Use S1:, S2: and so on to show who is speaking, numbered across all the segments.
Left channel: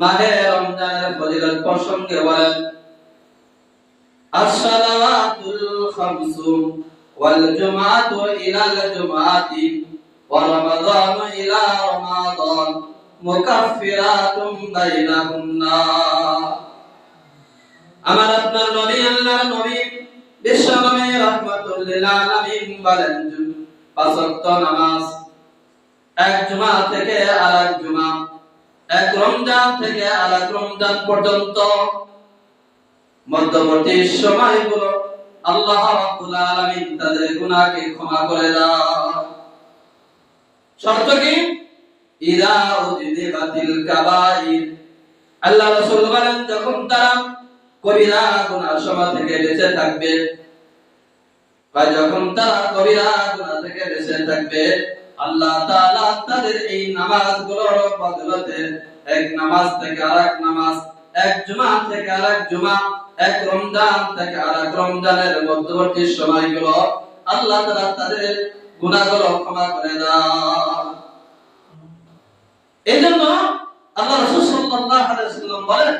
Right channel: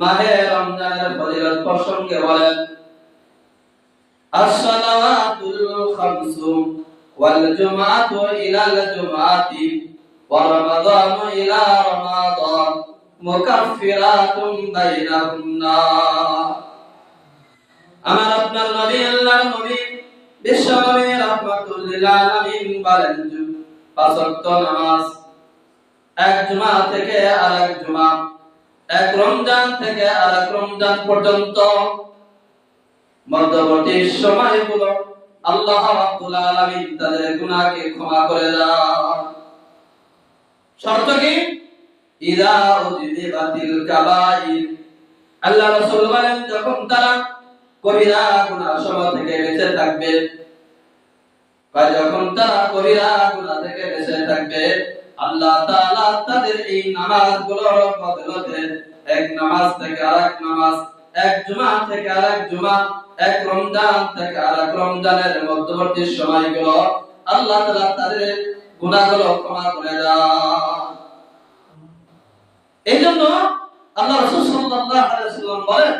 S1: মাহে রমজানের ফজিলত প্রসঙ্গে বলেন, আসসালাতুল খামসু ওয়াল জুমাতু ইলাল জুমাতি ওয়া রমাদানু ইলা রমাদান মুকাফফিরাতুম বাইনাহুন্না আমার আপনার নবী আল্লাহর নবী বিশ্ব নবী রাহমাতুল লিল আলামিন বলেন, পাঁচ ওয়াক্ত নামাজ, এক জুমা থেকে আরেক জুমা এক রমজান থেকে আরেক রমজান পর্যন্ত মধ্যবর্তী সময়গুলো আল্লাহ রাব্বুল আলামিন তাদের গুনাহকে ক্ষমা করে দেন শর্ত কি? ইদা উযিবাতিল কাবাইর। আল্লাহ রাসূল বলেন, যখন তারা কবিরা গুনাহ সময় থেকে বেঁচে থাকবে বা যখন তারা কবিরা গুনাহ থেকে বেঁচে থাকবে আল্লাহ তাআলা তাদের এই নামাজগুলোর বদলতে এক নামাজ থেকে আরেক নামাজ, এক জুমা থেকে আরেক জুমা, এক রমজান থেকে আরেক রমজানের মধ্যবর্তী সময়গুলো আল্লাহ তাআলা তাদের গুনাহগুলো ক্ষমা করে দেন। এই জন্য আল্লাহ রাসূল সাল্লাল্লাহু আলাইহি ওয়াসাল্লাম বলেন,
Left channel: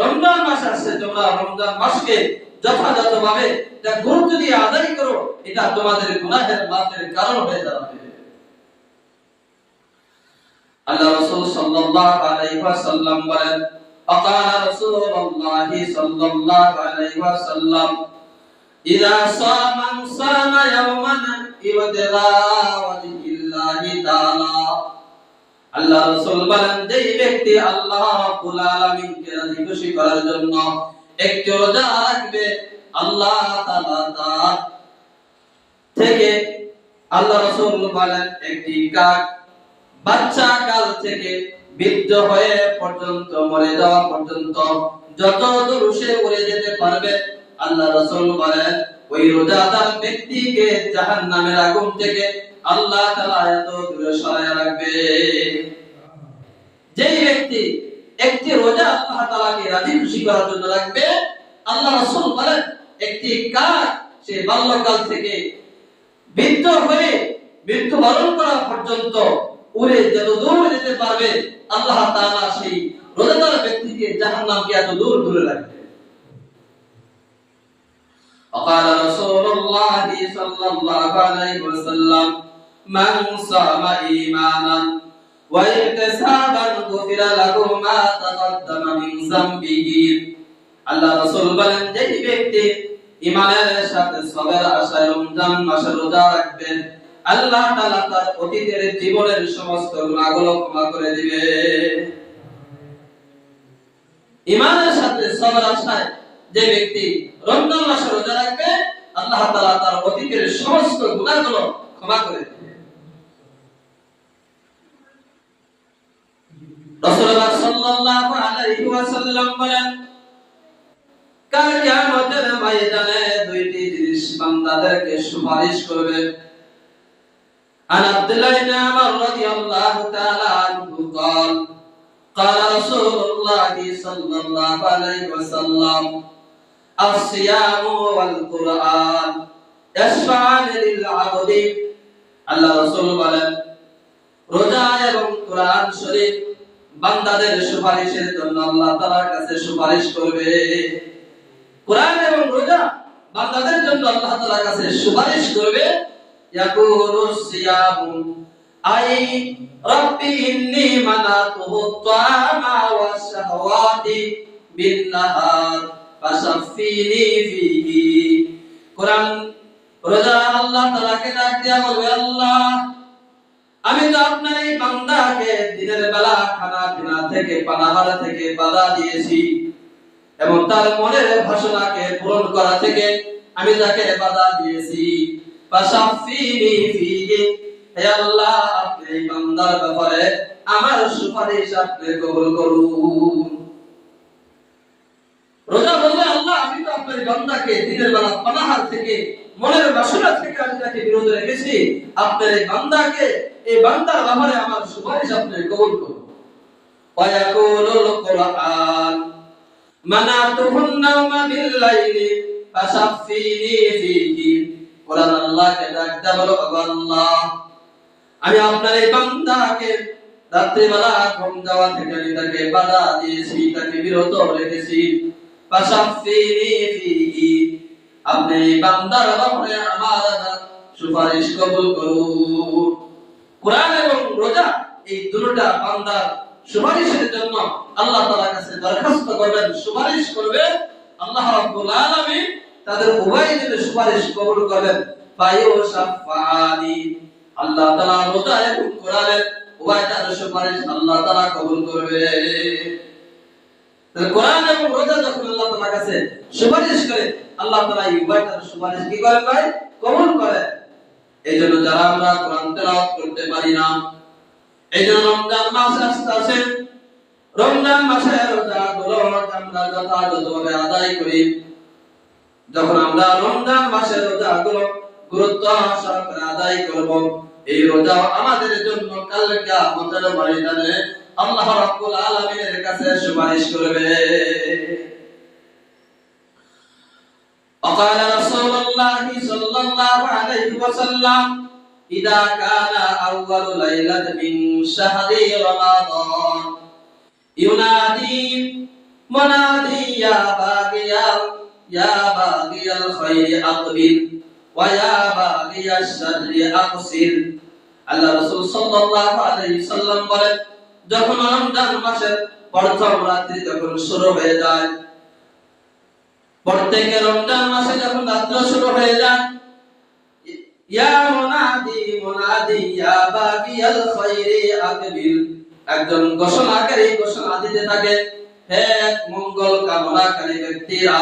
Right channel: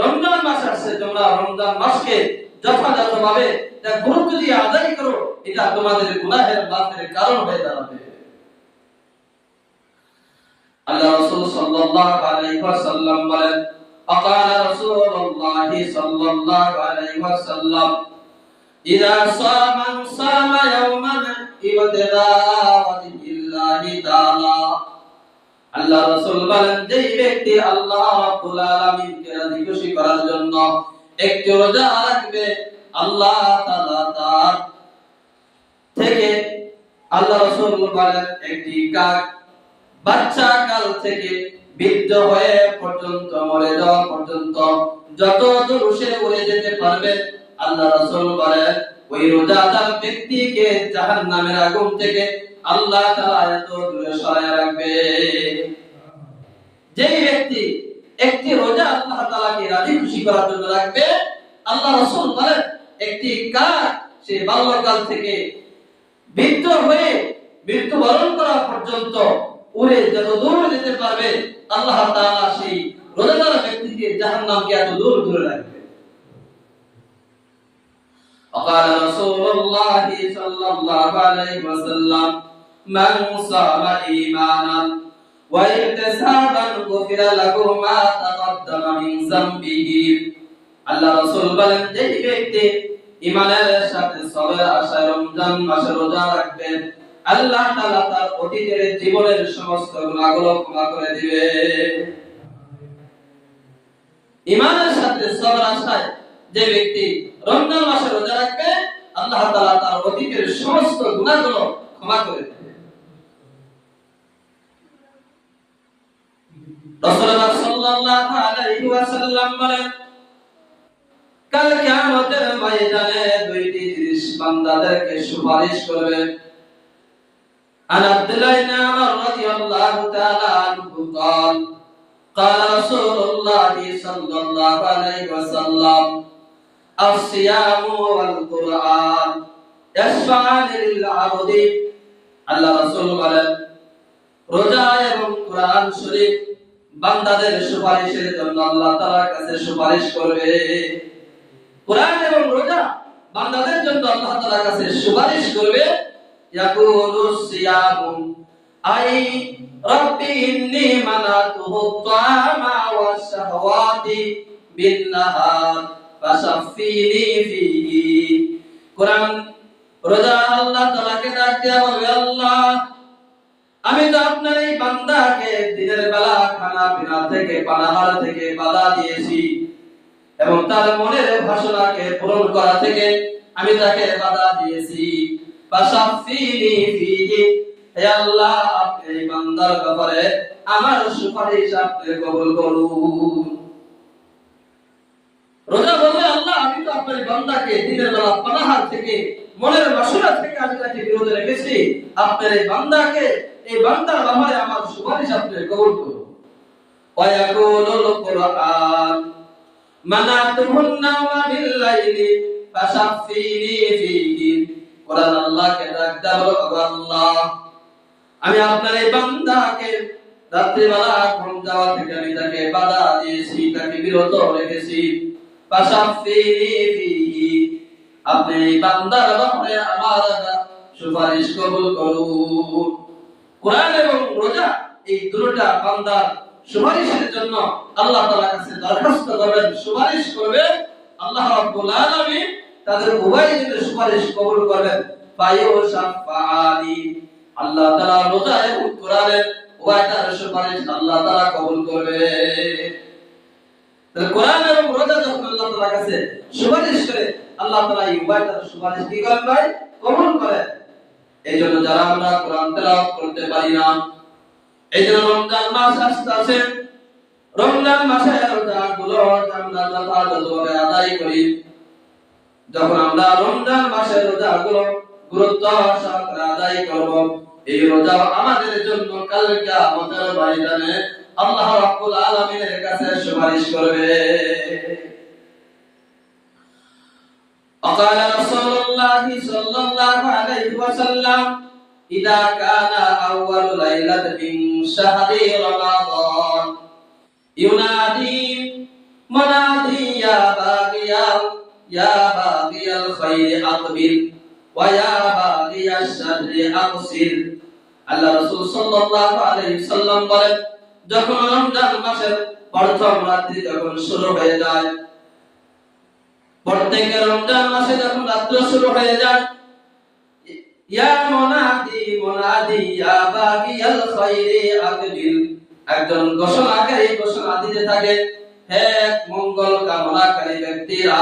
S1: রমজান মাস আসছে, তোমরা রমজান মাসকে যথাযথভাবে যা গুরুত্ব দিয়ে আদায় করো, এটা তোমাদের গুনাহের মাফের কারণ হয়ে দাঁড়াবে। আল্লাহ রাসূল সাল্লাল্লাহু আলাইহি ওয়াসাল্লাম বলেন فقال رسول الله صلى الله عليه وسلم إذا صام صام يوما ابتغاء وجه الله تعالى আল্লাহ রাসূল বলেন যেই ব্যক্তি আল্লাহ রাব্বুল আলামিনকে রাজি খুশি করার জন্য একটি রোজা রাখবে আল্লাহ তাআলা তার থেকে আল্লাহ রাসূল বলেন একটি কাক বাচ্চা কাল থেকে বৃদ্ধ হয়ে পর্যন্ত, মরে যাওয়া পর্যন্ত যত দূর সে উড়ে যেতে পারবে, আল্লাহ রাসূল বলেন ওই রোজাদার ব্যক্তিকে জাহান্নামের আগুন থেকে আল্লাহ তাআলা এত দূরে সরায় রাখবে। যেই ব্যক্তি একটি রোজা আল্লাহ তাআলাকে রাজি খুশি করার জন্য রাখবে, আল্লাহ রাসূল বলেন, একটি কাক সে বাল্যকাল থেকে বৃদ্ধ হয়ে মৃত্যুবরণ করা পর্যন্ত উড়ে যত দূর যেতে পারবে আল্লাহ তাআলা সেই রোজাদার ব্যক্তিকে জাহান্নামকে এত দূর দূরে রাখবে وقال رسول الله صلى الله عليه وسلم من صام إيمانا واحتسابا غفر له ما تقدم من ذنبه আল্লাহ রাসূল বলেন যে ব্যক্তি ইমানের সাথে সবের আশায় রমজান মাসে রোজা রাখবেন আল্লাহ তাআলা তার অতীতের জীবনের সমস্ত গুনাহগুলো ক্ষমা করে দিবে। ইমানের সাথে সবার আশায় যে ব্যক্তি রমজান মাসে রোজা রাখবে, আল্লাহ তাআলা তার অতীতের সমস্ত গুনাহগুলো ক্ষমা করে দিবে। রাসূলুল্লাহ সাল্লাল্লাহু আলাইহি ওয়াসাল্লাম বলেন, কাল কিয়ামতের ময়দানে দুইটি জিনিস বান্দাদেরকে সুপারিশ করবে। عن عبد الله بن عمر رضي الله تعالى عنه قال قال رسول الله صلى الله عليه وسلم الصيام والقرآن يشفعان للعبد আল্লাহ রাসূল বলেন রোজা এবং কোরআন শরীফ বান্দাদের সুপারিশের জন্য আল্লাহ তাআলার কাছে সুপারিশ করবে কোরআন এবং রোজা বান্দাদের জন্য আল্লাহ তাআলার কাছে সুপারিশ করবে يقول الصيام أي ربي إني منعته الطعام والشهوات بالنهار فشفيني فيه কোরআন রোজা আল্লাহ তাআলাকে ডাক দিয়া বলবে আল্লাহ আমি তো আপনার এই বান্দাকে দিনের বেলা খানা পিনা থেকে পানাহার থেকে বাধা দিয়েছি এবং তার মনের ভাষণাকে পূরণ করা থেকে আমি তাকে বাধা দিয়েছি ফাশাফিনি ফিহি হে ব্যাপারে আমার সুপারিশ আপনি কবুল করুন। রোজা বললে, আল্লাহ, আমি তো আপনার বান্দাকে দিনের বেলা পানাহার থেকে, মনের বাসনা থেকে আমি তাকে বিরত রেখেছি। আপনার এই বান্দাকে, এই বান্দার ব্যাপারে আমার সুপারিশ আপনি কবুল করুন। ওয়ায়াকুলুল কুরআন মানাতুহুন নাওমা বিল লাইলি ফাশাফিনি ফিহি কোরআন আল্লাহকে ডাক দেয়া বলো আল্লাহ। আমি আপনার এই বান্দাকে রাত্রিবেলা ঘুম যাওয়া থেকে আমি তাকে বাধা দিয়েছি, তাকে বিরত রেখেছি। আপনি এই বান্দার ব্যাপারে আমার সুপারিশ কবুল করুন। কোরআন এবং রোজা, এই দুটোটা বান্দার সুপারিশের জন্য আল্লাহ তাআলার কাছে দরখাস্ত করবেন, সুপারিশ করবেন। আল্লাহ রাব্বুল আলামিন তাদের উভয় দিনের সুপারিশ কবুল আল্লাহ তাআলা রোজা এবং কোরআনের উভয় তার সুপারিশ আল্লাহ তাআলা কবুল করবে। তাহলে কোরআন এবং রোজা যখন আল্লাহ কাছে সুপারিশ করে, আল্লাহ তাআলা এই উভয় তার সুপারিশ কি করেন ভাই? কবুল এই জন্য যারা আমরা কোরআন তেলাওয়াত করতে পারি না এই জন্য রমজান মাস আসতেছে রমজান রোজাগুলো আমরা যথাযথভাবে আদায় করি যখন আমরা রমজান মাসে রোজাগুলো গুরুত্ব সহকারে আদায় করব এই রোজা আমাদের জন্য কাল কিয়ামতের ময়দানে আল্লাহ রাব্বুল আলামিনের কাছে সুপারিশ করবে وقال رسول الله صلى الله عليه وسلم إذا كان أول ليلة من شهر رمضان ينادي منادي يا باغي يا বাগিয়াল খাইরি আকবিল ওয়া ইয়া বাগিয়াশ আল্লাহ রাসূল সাল্লাল্লাহু আলাইহি সাল্লাম বলেন, যখন রমজান মাসের প্রথম রাত্রি যখন শুরু হয়ে যায়, প্রত্যেক রমজান মাসে যখন রাত্র শুরু হয়ে যায়, ইয়া মুনাদি মুনাদি ইয়া বাগিয়াল খাইরি আকবিল একজন ঘোষণাকারী ঘোষণা দিতে থাকে, হে মঙ্গল কামনাকারী ব্যক্তিরা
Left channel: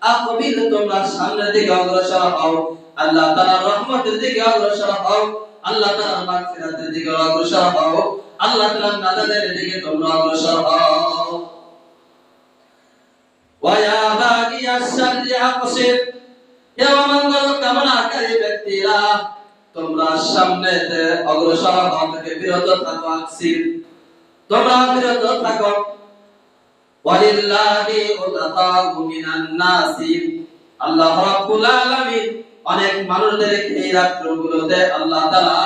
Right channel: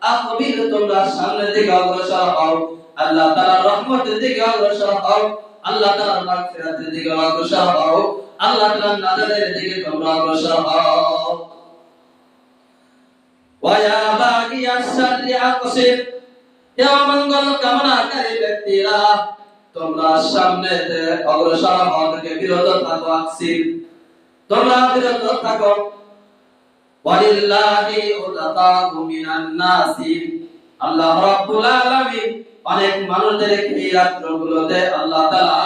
S1: আকবিল তোমরা সামনের দিকে অগ্রসর হও। আল্লাহ তাআলার রহমতের দিকে অগ্রসর হও। আল্লাহ তাআলার মাগফিরাতের দিকে অগ্রসর হও। আল্লাহ তাআলার নাজাতের দিকে তোমরা অগ্রসর হও। ওয়া বাগিয়া শাররি আকসির হে মঙ্গল কামনাকারী ব্যক্তিরা, তোমরা সামনেতে অগ্রসর হওয়া থেকে বিরত থাকো আকসির তোমরা বিরত থাকো। ওয়ালিল্লাহি উতাকাউ মিনান নাসি। আল্লাহ রাব্বুল আলামিন অনেক মানুষদের এই রাত্রগুলোতে আল্লাহ তাআলা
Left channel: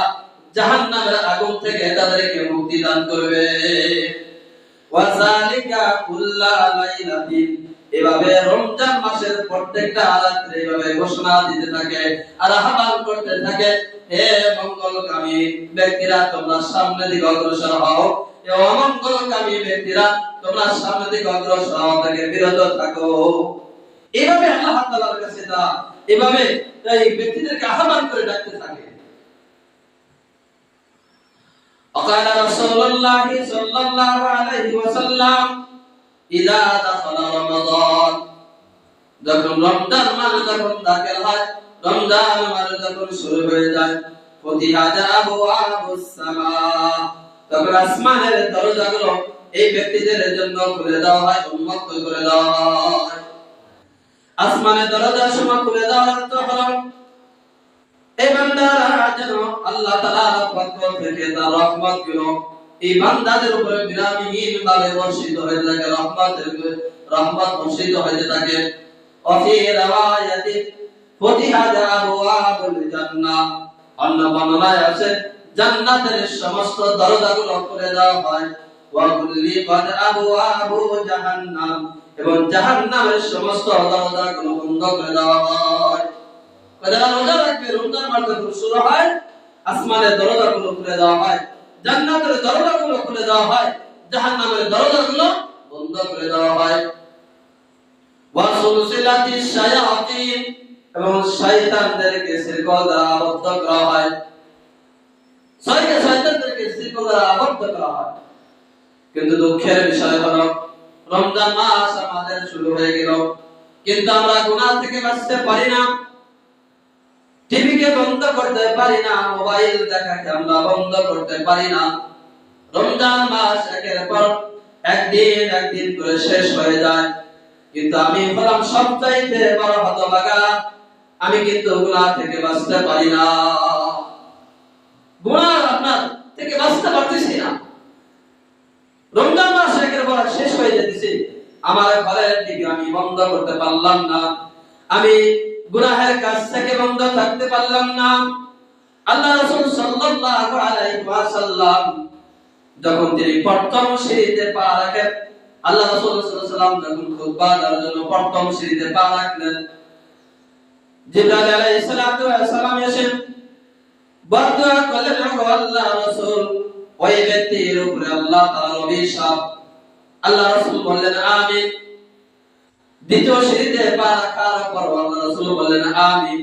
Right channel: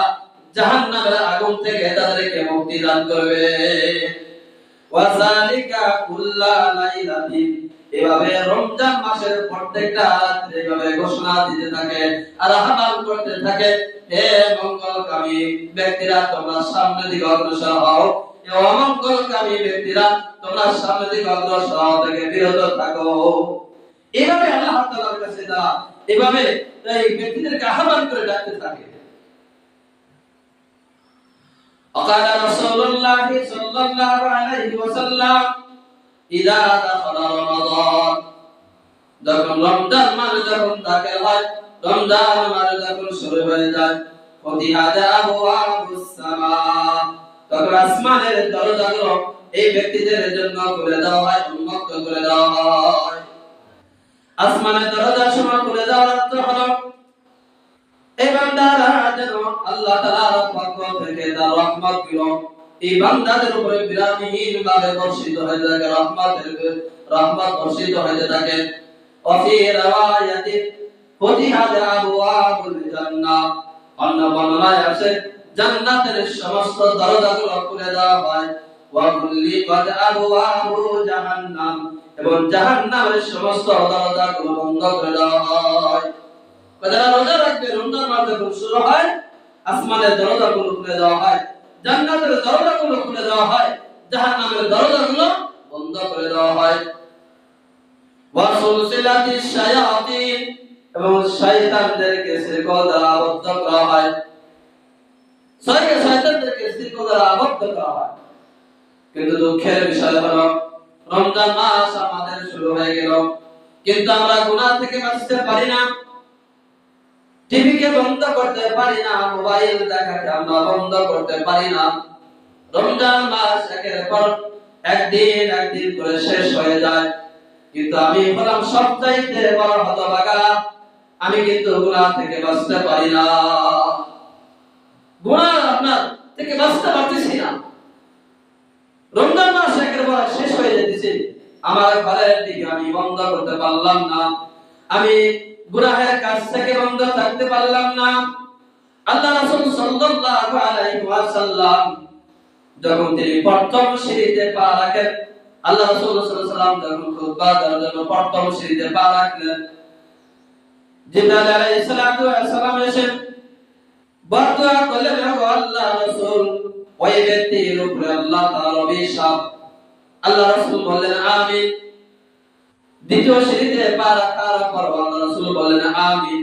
S1: জাহান্নামের আগুন থেকে তাদেরকে মুক্তি দান করবে। ওয়াজালিকা কুল্লা লাইলাতিন। এভাবে রমজান মাসের প্রত্যেকটা রাত্রে এভাবে ঘোষণা দিতে থাকে আর আহ্বান করতে থাকে। হে মঙ্গলকামী ব্যক্তিরা, তোমরা সামনের দিকে অগ্রসর হও। অমঙ্গলকামী ব্যক্তিরা তোমরা সামনের দিকে অগ্রসর হওয়া থেকে বিরত থাকো এইভাবে আল্লাহ তাআলার কাছে তা এভাবে এই ব্যক্তিদেরকে আহ্বান করে ডাকতে থাকে وقال رسول الله صلى الله عليه وسلم إذا دخل رمضان যখন রমজান মাস যখন দাখিল হয় রমজান মাস যখন শুরু হয়ে যায় ফতিহাত আবওয়াবুস সামা তখন আসমানের দরজাগুলো এই ব্যক্তিদের জন্য খুলে দেওয়া হয়, উন্মুক্ত করে দেওয়া হয়। আসমানের দরজা সময় খুলে দেওয়ার অর্থ হলো, এই বান্দারা যেন আল্লাহ তাআলার পক্ষ থেকে তার রহমতগুলো এই বান্দাদের উপরে বিরামহীন ভাবে বর্ষিত হয়ে থাকে, রহমতের রহমত বর্ষিত হয়ে থাকে। অফি রাওয়ায়াতি অন্য বর্ণনায় আছে জান্নাতের সমস্ত দরজাগুলো খুলে দেওয়া হয়। এবং বন্ধ করে দেওয়া হয়। এবং দ্বারা আবদ্ধ করা হয়। আবদ্ধ করা হয়। কিন্তু দুঃখের বিষয় রমজান মাস আমাদের শুরু হয়ে গেল। কিন্তু আমরা থেকে বাঁচতে পারি না। টিভিকে বন্ধ করতে পারি না, মোবাইল দেখাকে আমরা বন্ধ করতে পারি না। রমজান মাস একের পর একদিন একদিন করে শেষ হয়ে যায়। কিন্তু আমি হলাম সবচাইতে বড় হতভাগা। আমি কিন্তু গুনাহ থেকে বাঁচতে পারি না। গুনাহ আপনার থেকে বাঁচতে পারতেছি না। রমজান মাস একের পর শেষ হয়ে যেতেছে আমার ঘরের দিকে আমি বন্ধ করতে পারলাম না। আমি গুনাহের কাজ থেকে বন্ধ থাকতে পারলাম না। আল্লাহ রাসূল সাল্লাল্লাহু আলাইহি ওয়াসাল্লাম যখন তিনি প্রথম সিঁড়িতে পা রাখেন, আল্লাহ রাসূল সাল্লাল্লাহু আলাইহি ওয়াসাল্লাম যখন খুতবা দেওয়ার জন্য প্রথম সিঁড়িতে পা রাখলেন, জিবরাইল আলাইহিস সালাম এসে আল্লাহ রাসূল ওই ব্যক্তির উপরে আল্লাহ অভিশাপ আল্লাহ রাসূল বললেন, আমিন। দ্বিতীয় পা পর আল্লাহ রাসূল বললেন, আমিন।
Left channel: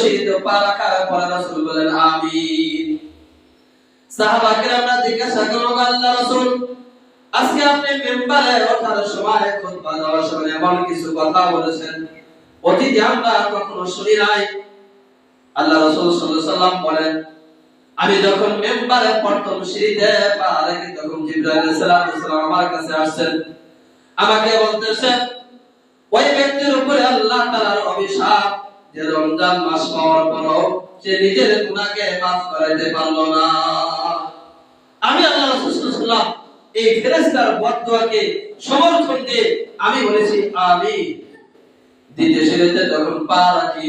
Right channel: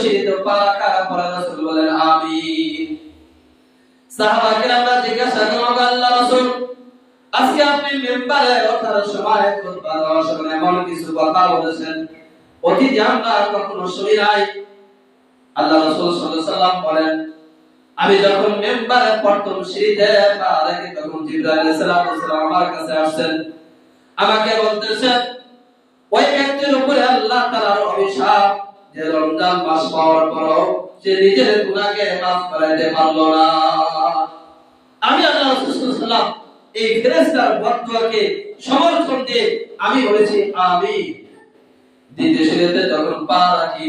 S1: সিঁড়িতে পা পর রাসূল বললেন, আমিন। সাহাবা জিজ্ঞাসা আল্লাহ রাসূল, আজকে আপনি মেম্বারে ওঠার সময় খুতবা দেওয়ার সময় এমন কিছু কথা বলেছেন? অতীতে আমরা কখনো শুনি নাই। আল্লাহ রাসূল সাল্লাল্লাহু বলেন, আমি যখন মেম্বারে প্রথম সিঁড়িতে পা রেখে তখন জিবরাইল আলাইহিস সালাম আমার কাছে আসছেন। আমাকে বলতেছেন ওই ব্যক্তির উপরে আল্লাহ তাআলার অভিশাপ, যে রমজান মাস পাওয়ার পরও সে নিজের গুনাহকে মাফ করাইতে পারল না। আমি আল্লাহ রাসূল সাল্লাল্লাহু সাল্লাম এই ফেরেশতার বদদুয়াকে সমর্থন দিয়ে আমি বলেছি, আমিন। দ্বিতীয় সিঁড়িতে যখন পা রাখি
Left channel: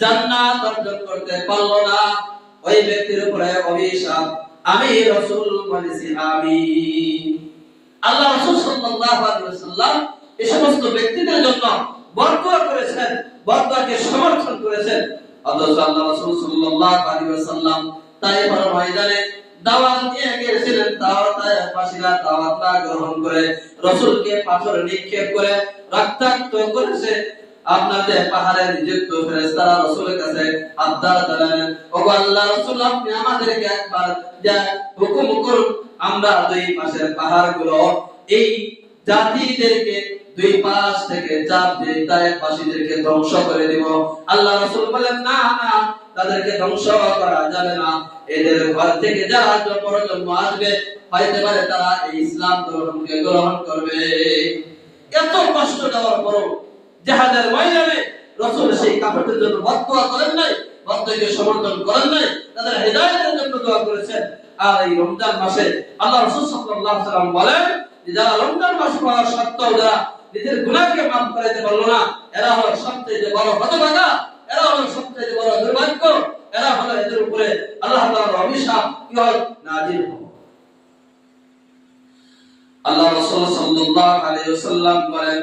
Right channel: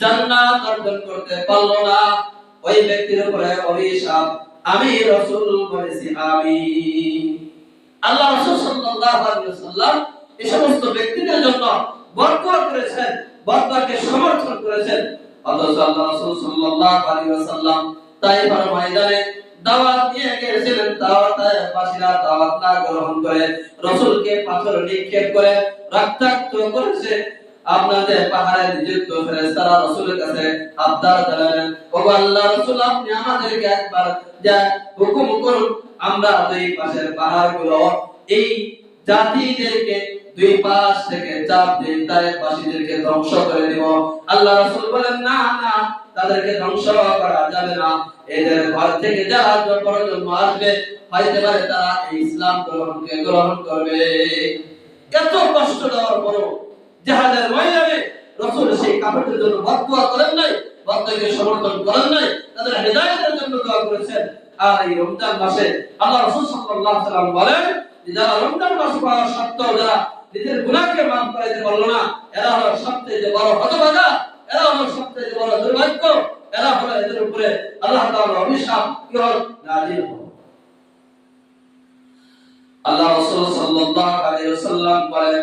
S1: জান্নাত অর্জন করতে পারল না। ওই ব্যক্তির উপরে অভিশাপ। আমি রাসূল বলেছি, আমিন। আল্লাহ রাসূল সাল্লাল্লাহু আলাইহি ওয়াসাল্লাম এই সমস্ত ব্যক্তিদের জন্য বরদোয়া করেছেন বরদোয়াকে সমর্থন করেছেন। অথচ আল্লাহ রাসূল সাল্লাল্লাহু আলাইহি ওয়াসাল্লাম তাইফার ময়দানে দাওয়াত দিয়ে গিয়েছিলেন দাওয়াতের বাসীরা দাওয়াত না গ্রহণ করে, রাসূলকে পাথর নিক্ষেপ করে রক্তাক্ত করেছে। আপনাদের পাহাড়ে নিযুক্ত ফেরেশতারা রাসূলের কাছে আবদার জানালেন ও আল্লাহ রাসূল, আপনি আমাদেরকে একবার যা হুকুম করুন, আমরা দুই পাশের পাহাড়গুলো, এই জাতিদেরকে দুই পাশ থেকে চাপ দিয়ে তায়েফবাসীদেরকে ধ্বংস করে দিব। আল্লাহ রাসূল বলেন, না না, তাদেরকে ধ্বংস করা যাবে না। এদের ঘর থেকে যারা প্রজন্ম আসবে হইতে পারে তারা এই ইসলাম গ্রহণকে গ্রহণ করবে। এত কষ্ট দেওয়ার পরও জাহাজের ময়দানে রসুল সেই কাপড়ের জন্য বদদোয়া করেন নাই বদদোয়াকে সমর্থন করেন নাই, তাদের হেদায়েতের জন্য দোয়া করেছেন। আর এই রমজান মাসে আল্লাহ রাসূল সাল্লাল্লাহু ওয়াসাল্লাম বলেন যারা রমজান মাস পাওয়া সত্ত্বেও যারা নিজের গুনাহকে মাফ করাইতে পারল না, এরা হলো সবচেয়ে বড় হতভাগা, এরা হলো সবচেয়ে বড় দুর্ভাগ্য, এরা হলো এদের উপরে আল্লাহ তাআলার অভিশাপ কি হল নাজিল আল্লাহ রাসূল সাল্লাল্লাহু আলাইহি ওয়াসাল্লাম বলেন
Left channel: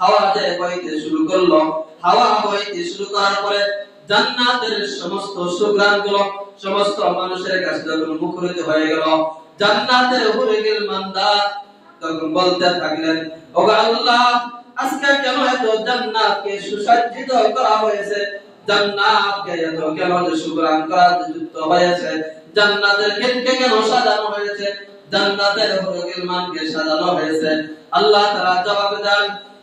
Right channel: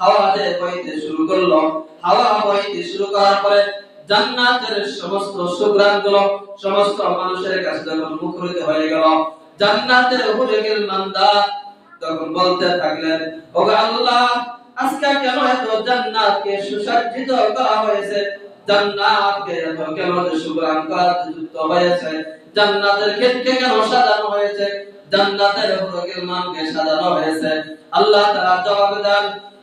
S1: হাওয়া যে বইতে শুরু করল। হাওয়া বইতে শুরু করার পরে জান্নাতের সমস্ত সমস্ত মানুষের কাছে যখন মুখরিত হয়ে গেল, জান্নাতের মান্দা তখন বলতে থাকলেন আল্লাহ, আজকে কেন এত জান্নাতকে সুসজ্জিত করা হয়েছে? জান্নাতকে এত কেন করা যুক্ত হয়েছে? জান্নাতের কেন সাজানো হয়েছে? জান্নাতের মানকে সাজানো হয়েছে। আল্লাহ জবাব দেন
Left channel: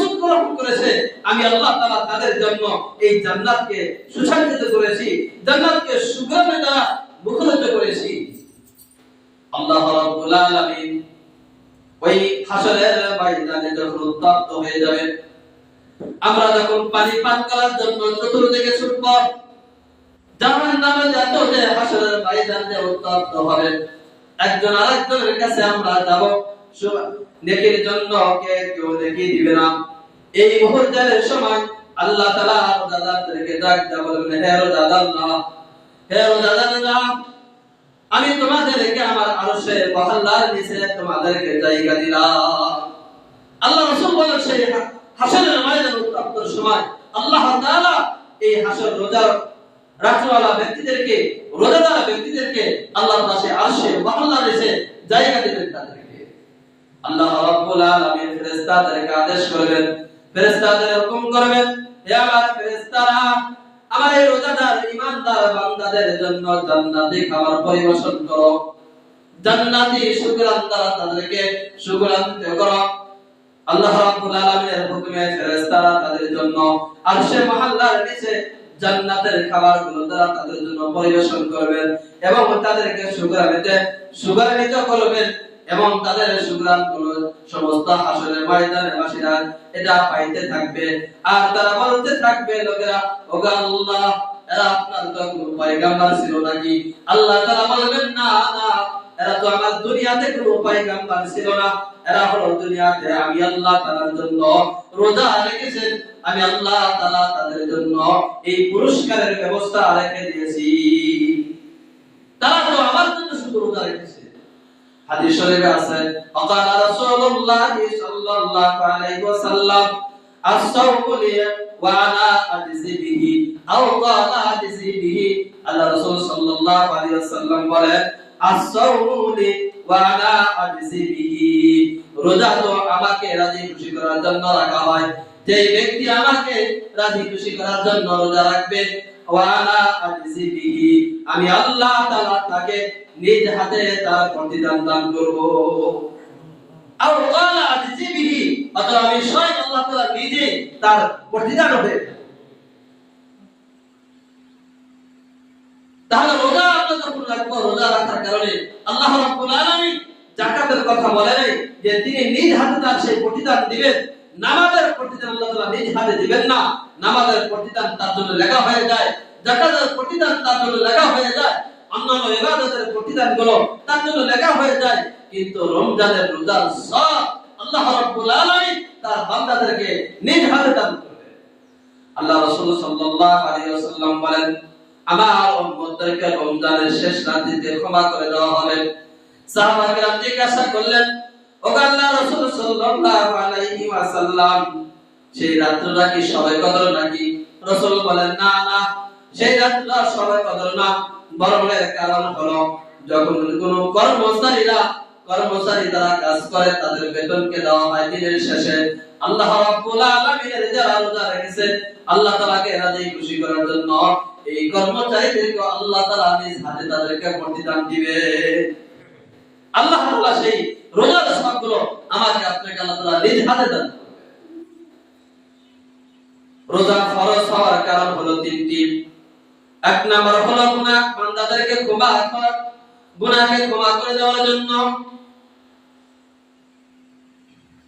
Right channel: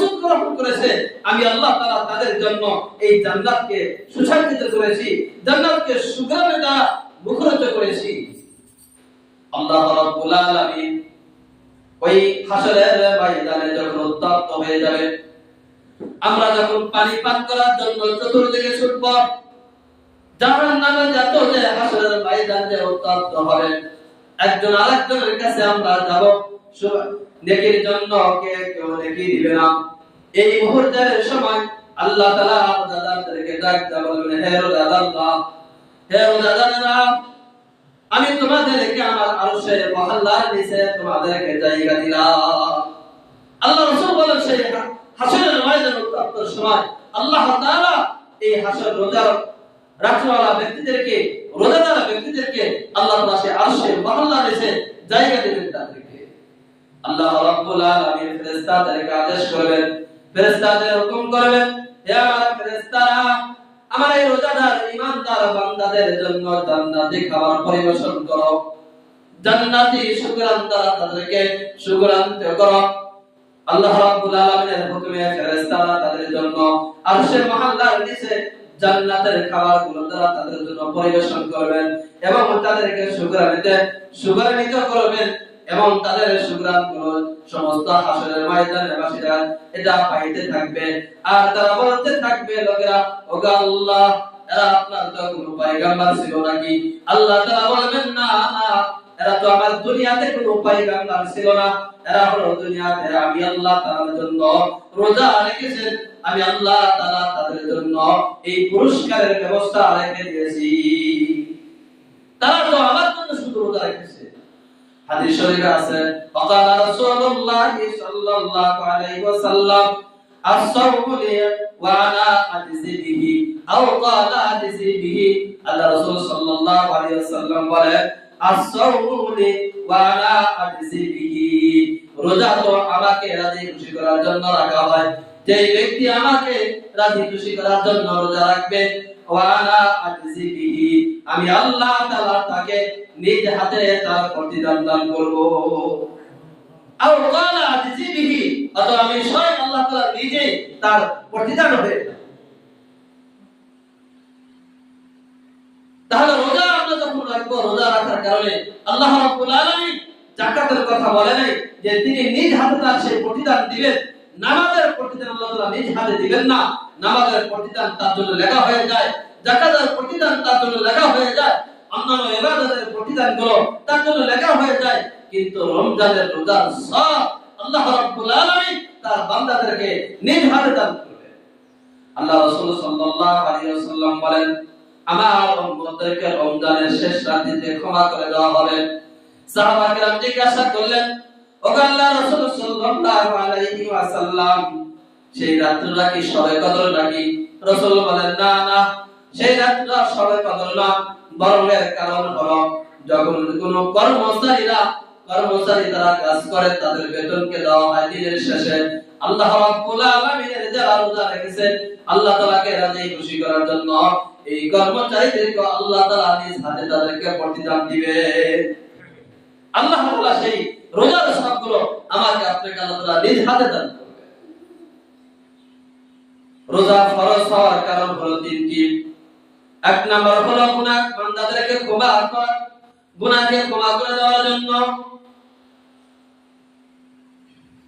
S1: প্রস্তুত গ্রহণ করেছে, আমি আল্লাহ তাআলা তাদের জন্য এই জান্নাতকে সুসজ্জিত করেছি, জান্নাতকে সুগ্রামে দ্বারা মুখরিত করেছি। আল্লাহ রাব্বুল আলামিন ওই হাসরের ময়দানে যখন উত্তপ্ত হয়ে যাবে, আমরা যখন পানি পান করার জন্য চতুর্দিকে ছুটব জাহান নামে যত যে হাসরের ময়দানে উত্তপ্ত হবে। একজন আরেকজনের কাছে আমরা যাব নেকির জন্য কে কেউ নেকি দিবে না। এই মুহূর্তের সময় আল্লাহ তাআলা রোজাদারদেরকে ডাক দেয়া বলবেন, হে রোজাদাররা হে রোজাদাররা আমি তোমাদেরকে আমার আরশে মহল্লার নিচে তোমাদেরকে জায়গা দিলাম। আল্লাহ রাসূল সেই হাসরের ময়দান উত্তপ্তর সময় আল্লাহ তাআলা এই হাসর রোজার রাখওয়ালা ব্যক্তিদেরকে, রোজাদার ব্যক্তিদেরকে আল্লাহ তাআলা সেই আরশে মহল্লার নিচে জায়গা দিবেন তাদেরকে। আল্লাহ রাব্বুল আলামিন ফেরেশতাদেরকে আদেশ করবেন ফেরেশতাদের হুকুম করবেন হে আমার ফেরেশতারা, আমার এই রোজাদার বান্দাদের জন্য খাবার পরিবেশন করো। জান্নাতি শুকরান দ্বারা তাদেরকে শুকরান্ত করো। আল্লাহ রাব্বুল আলামিনের হুকুমে ফেরেশতারা তাদের জন্য আরশে নিচে জান্নাতের খাবারগুলো দ্বারা তাদের জন্য পরিবেশন করবেন এবং তাদেরকে শুকরানিতে শুকরানিত করবেন। এবং তাদের সুগ্রামগুলো সমস্ত হাসরের ময়দানে বাসীরা এটা পাইতে থাকবে। আর তারা বলতে থাকবে, লোকেরা, ওগো আল্লাহ, এরা আপনার তো কোনো পয়গাম্বার ছিল নাকি? আল্লাহ তাআলা বলবেন, না না, এরা তো আমার দুনিয়াতে কোনো পয়গাম্বার ছিল না। এরা হলো দুনিয়াতে আমি আল্লাহ জন্য রোজা রেখেছেন। আমি আল্লাহ তাআলা তাদের জন্য এই পুরস্কারের ব্যবস্থা রেখে দিয়েছি। তারা তো আমার জন্য শুধু রোজা রেখেছে। হাদিস শরীফে আছে وقال رسول الله صلى الله عليه وسلم الصوم لي وانا اجزي به او قال اجزي به আল্লাহ রাসূল সাল্লাল্লাহু আলাইহি ওয়াসাল্লাম বলেন الصوم لي وانا اجزي به রোজা তো আমাকে রাজি খুশি করার জন্য রাখা হয় যে ব্যক্তি আমাকে রাজি খুশি করার জন্য রোজা রাখবে আমি আল্লাহ তাকে নিজ হাতে তার প্রতিদান দান করব। আমি স্বয়ং আল্লাহ নিজে তার প্রতিদান তাহলে রোজা আমরা যখন রাখব রোজা রাখার কারণে আল্লাহ জাকাতের কথা বলে নাই যে তিনি নিজ হাতে তার সেই প্রতিদান দিবেন। নামাজের প্রতিদান আল্লাহ নিজ হাতে দিবেন না। নামাজের প্রতিদান তার জন্য লেখা হয়ে যায় জাকাতের প্রতিদান তার জন্য লেখা হয়ে যায়। অন্যান্য ইবাদতের প্রতিদানগুলো তার জন্য লেখা হয়ে যায়। কিন্তু রমজানের রোজার সব আল্লাহ রাব্বুল আলামিন তার বান্দাদেরকে নিজ হাতে দান করবে আল্লাহ রাসূল সাল্লাল্লাহু আলাইহি ওয়াসাল্লাম বলেন, আমার উম্মতদেরকে রমজানের শেষ রাত্রিতে ক্ষমা করে দেওয়া হবে। সাহাবা কিরাম জিজ্ঞাসা করলেন ও আল্লাহ রাসূল সাল্লাল্লাহু আলাইহি ওয়াসাল্লাম, সেই রাত্রিটা কি সবাই কদর নাকি? রাসূল বলেন, না না। সেই রাত্রিটা সবাই কদর না। বরং এর কারণ হলো, যখন কোন কর্মচারীরা কর্মচারী তারা কাজ করে, তাদের বেতনকে দেওয়া হয় দিনের শেষে। আল্লাহ রাব্বুল আলামিনের যারা রোজা রেখেছে, আল্লাহ তাআলাকে রাজি খুশি করার জন্য এই কর্মচারীদেরকে আল্লাহ তাআলা নিজ হাতে তাদেরকে প্রতিদান দিবে। আল্লাহ তাআলা সেই রোজার সবগুলো আমাকে আপনাকে আল্লাহ তাআলা নিজ হাতে দান রোজা ফরজ হওয়ার কারণ হলো তিনটি। এক নাম্বার হলো গুনাহ বান্দাদেরকে ক্ষমা করা, গুনাহকে ক্ষমা করে দেওয়ার জন্য।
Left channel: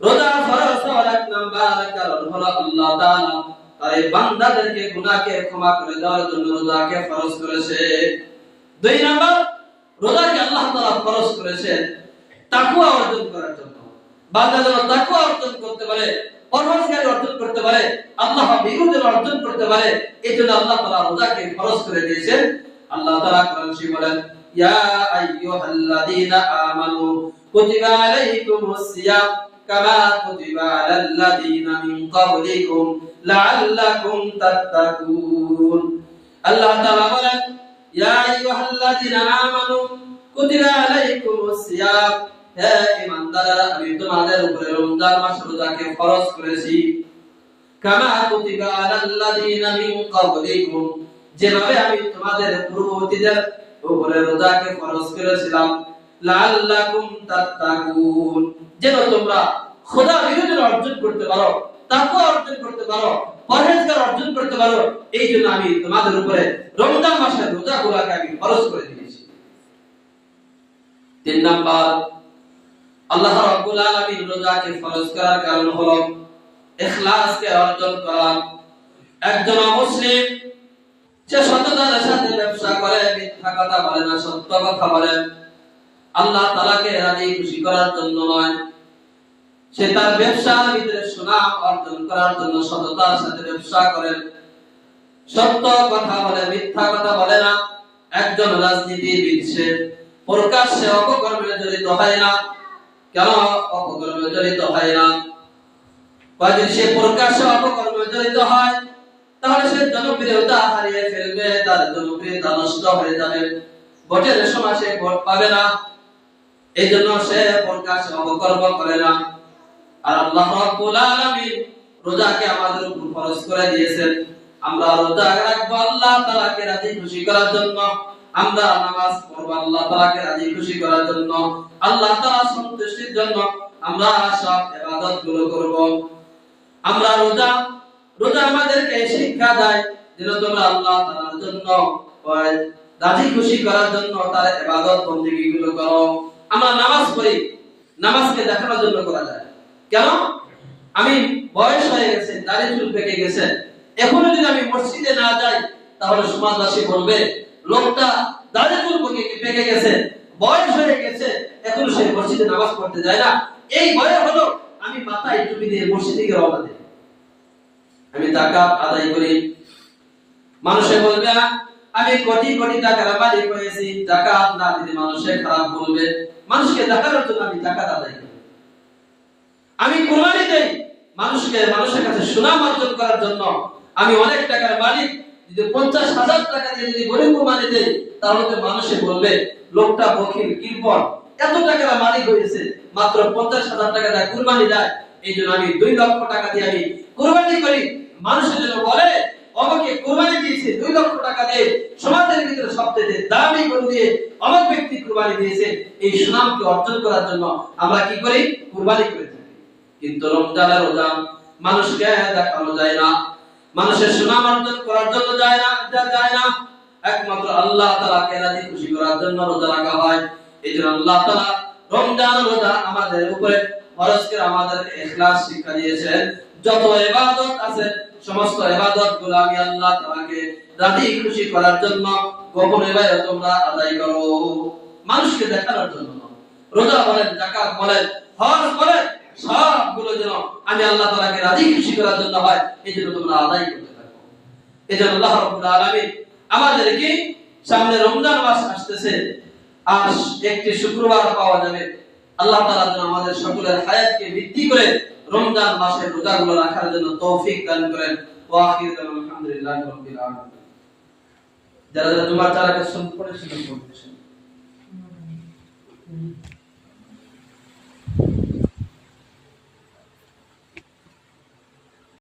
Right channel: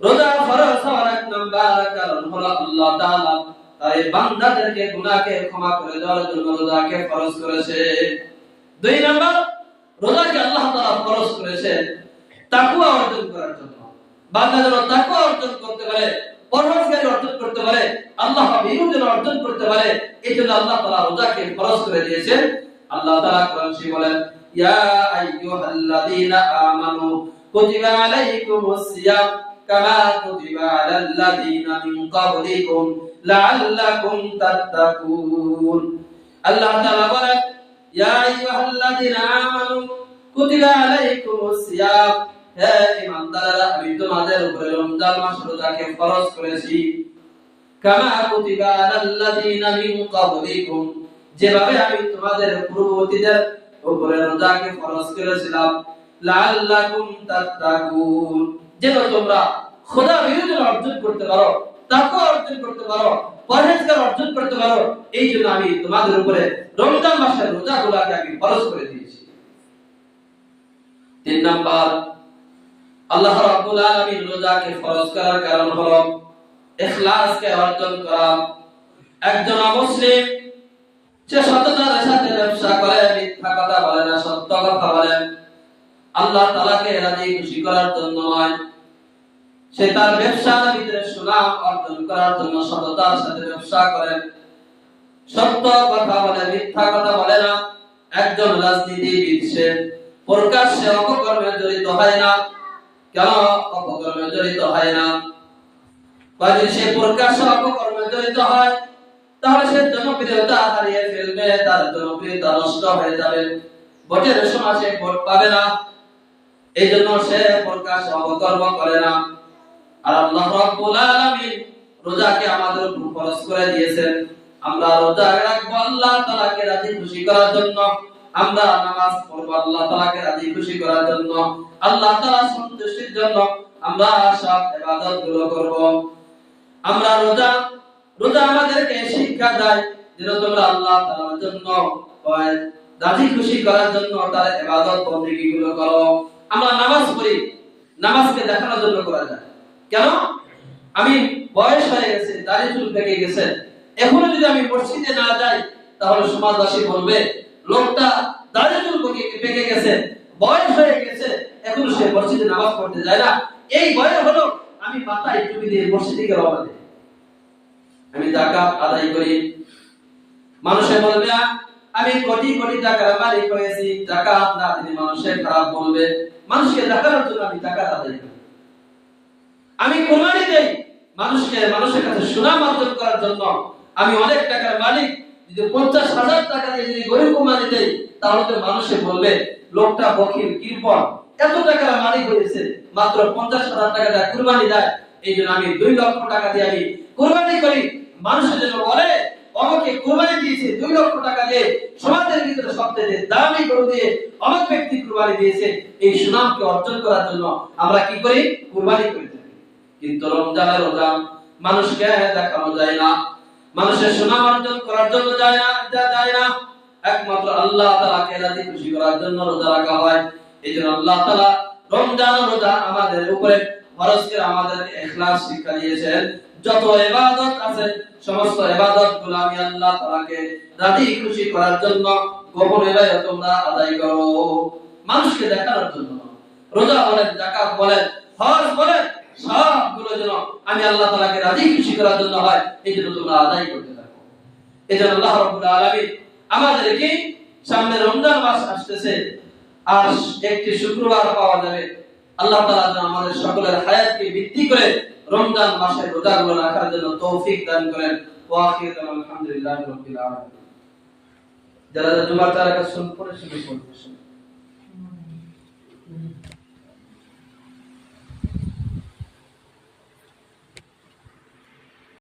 S1: রোজা ফরজ হওয়ার এক নাম্বার কারণ হলো আল্লাহ তাআলা তাই বান্দাদেরকে গুনাহকে ক্ষমা করে দেওয়ার জন্য রোজাকে ফরজ করেছে। দুই নাম্বার, রোজাকে আল্লাহ তাআলা ফরজ করেছে তাকওয়া অর্জন করার জন্য। বান্দা যেন তাকওয়া অর্জন করতে পারে পরহেজগারি অর্জন করতে পারে, আল্লাহ ভীরু অর্জন করতে পারে, এই জন্য আল্লাহ তাআলা রোজাকে ফরজ করে দিয়েছেন। আল্লাহ তাআলা কোরআন শরীফে বলেন, ইয়া আইয়ুহাল্লাযীনা আমানু কুতিবা আলাইকুমুস সিয়াম কামা কুতিবা আলাল্লাযীনা মিন ক্বাবলিকুম লাআল্লাকুম তাত্তাকুন। আল্লাহ তাআলা বলেন, ইয়া আইয়ুহাল্লাযীনা আমানু কুতিবা আলাইকুমুস সিয়াম হে আমি তোমাদের উপরে রমজান মাস রোজাকে ফরজ করেছি। কামা কুতিবা মিন ক্বাবলিকুম, যেভাবে আমি তোমাদের পূর্ববর্তীদের উপরে রোজাকে ফরজ করেছিলাম। লাআল্লাকুম তাত্তাকুন, যেন তোমরা খোদা অর্জন করতে পারো অর্জন করতে পারো, পরহেজগার অর্জন করতে পারো, এই জন্য আমি তোমাদের উপরে রমজান মাসের রোজাগুলোকে আমি ফরজ করে দিয়েছি। তিন নাম্বার আল্লাহ রাব্বুল আলামিন রোজাকে ফরজ করার কারণ হলো ইখলাসকে অর্জন করা। একজন মুসলিম সে সততার সাথে ব্যবসা করে, মিথ্যা কথা বলে না, সত্য কথা বলে। আল্লাহ তাআলাকে রাজি খুশি করার জন্য নয়। সে তার ব্যবসার ভিতরে সুনাম অর্জন করার জন্য সততার সাথে ব্যবসা করেন সত্য কথা বলে, মিথ্যা কথা বলে না। একজন রাজনীতিবিদ, সে প্রকাশ্যে অপকর্মে জড়িত হয় না। কেন অপকর্মে জড়িত হয় না? কয় যদি সে প্রকাশ্যে অপকর্মে জড়িত হয়, তাহলে সে জনপ্রিয়তা হারিয়ে ফেলবে, তার জনপ্রিয়তা নষ্ট হয়ে যাবে। ভোটের সময় সে ভোট পাবে না। এই জন্য সে অপকর্ম করে না। আর আল্লাহ আলামিন রোজাকে আমাদের উপর ফরজ করে দিয়েছেন। আমরা রোজা রাখব আল্লাহ তাআলাকে রাজি খুশি করার জন্য। আমরা নামাজ পড়ব, আল্লাহ তাআলাকে রাজি খুশি করার জন্য, আল্লাহ তাআলা সন্তুষ্টির জন্য আমরা সব ইবাদতগুলো করব। আমরা রোজা রোজা আমাদেরকে শিক্ষা দেয় যেন তোমরা আল্লাহ তাআলার জন্য রাজি খুশি করার জন্য তার ইবাদতগুলো করো। আমরা নামাজ পড়ি, নামাজকে দেখানোর জন্য করা যায়। কেন? আমি বয়স হয়ে গেছে দাঁড়িয়ে চুল পেকে গেছে। এখনও যদি আমি মসজিদে না যাই, তাহলে সমাজবাসী বলবে লোকটা দাড়ি চুল পেকে গেছে? বয়স হয়ে গেছে, এখন সে মসজিদে নামাজ পড়তে যায় না। এই বয়স হলো আমি মাথায় টুপি দিয়ে মসজিদে গিয়ে রওনা দিই আমি জাকাত আদায় করি। মানুষে বলবে আমি কোটি কোটি টাকার মালিক হয়েছি। জাকাত না দিলে মানুষে খারাপ বলবে। মানুষকে দেখানোর জন্য আমি জাকাত আদায় করি। আমি কোরবানি দেই মানুষকে, মানুষের কাছে সুনাম অর্জন করার জন্য। আমি অনেক টাকার মালিক যদি পঞ্চাশ হাজার দিয়ে যদি গরিব দেই তাহলে মানুষে বলবে, লোকটা এত টাকার হয়েছে, মাত্র পঞ্চাশ হাজার টাকা দিয়ে কুরবানি দেয়। এই জন্য আমি দুই লক্ষ টাকা দিয়ে আমি কুরবানি করি। মানুষের জন্য বলে কুরবানি দিয়েছে দুই লক্ষ টাকা দিয়ে। সমাজের ভিতরে সবচেয়ে দামি দিয়ে ব্যক্তি কুরবানি দিয়েছে। এই সুনামকে অর্জন করার জন্য আমরা কি করি? কুরবানি করে থাকি। কিন্তু রমজানের মানুষকে দেখানো যায় না। মানুষের সুনাম অর্জন করার জন্য যায় না যায় না। একমাত্র আল্লাহ তাআলাকে রাজি খুশি করার জন্য রোজা রাখা হয়। এই জন্য আল্লাহ তাআলা রমজান রোজা আমাদের উপরে ফরজ করে আমাদেরকে ইখলাস শিক্ষা দিয়েছেন। যত ইবাদত আছে, সমস্ত ইবাদতগুলো আমি আল্লাহ তাআলাকে রাজি খুশি করার জন্য গোপন ইবাদত তোমরা আদায় করো। মানুষকে দেখানোর জন্য। রোজা বলেন, যাকাত বলেন, হজ বলেন সবগুলো যেন আমি আল্লাহ তাআলাকে রাজি খুশি করার জন্য হয়, এই জন্য তোমরা আদায় করতে থাকো। এই জন্য আল্লাহ রাব্বুল আলামিন আমাদেরকে সামনে রমজান মাস আসতেছে, আর একটি শুক্রবার পাওয়া যাবে। আল্লাহ তাআলা যেন আমাদের সকলের হায়াতকে ভিত্তি করে রমজান মাসের রোজাগুলো রাখার জন্য তৌফিক দান করেন। ওয়া আখিরু আলহামদুলিল্লাহি রাব্বিল আলামিন। যারা জুমার তারা কাছে শুন পড়ে শুনুন পড়তে শুনুন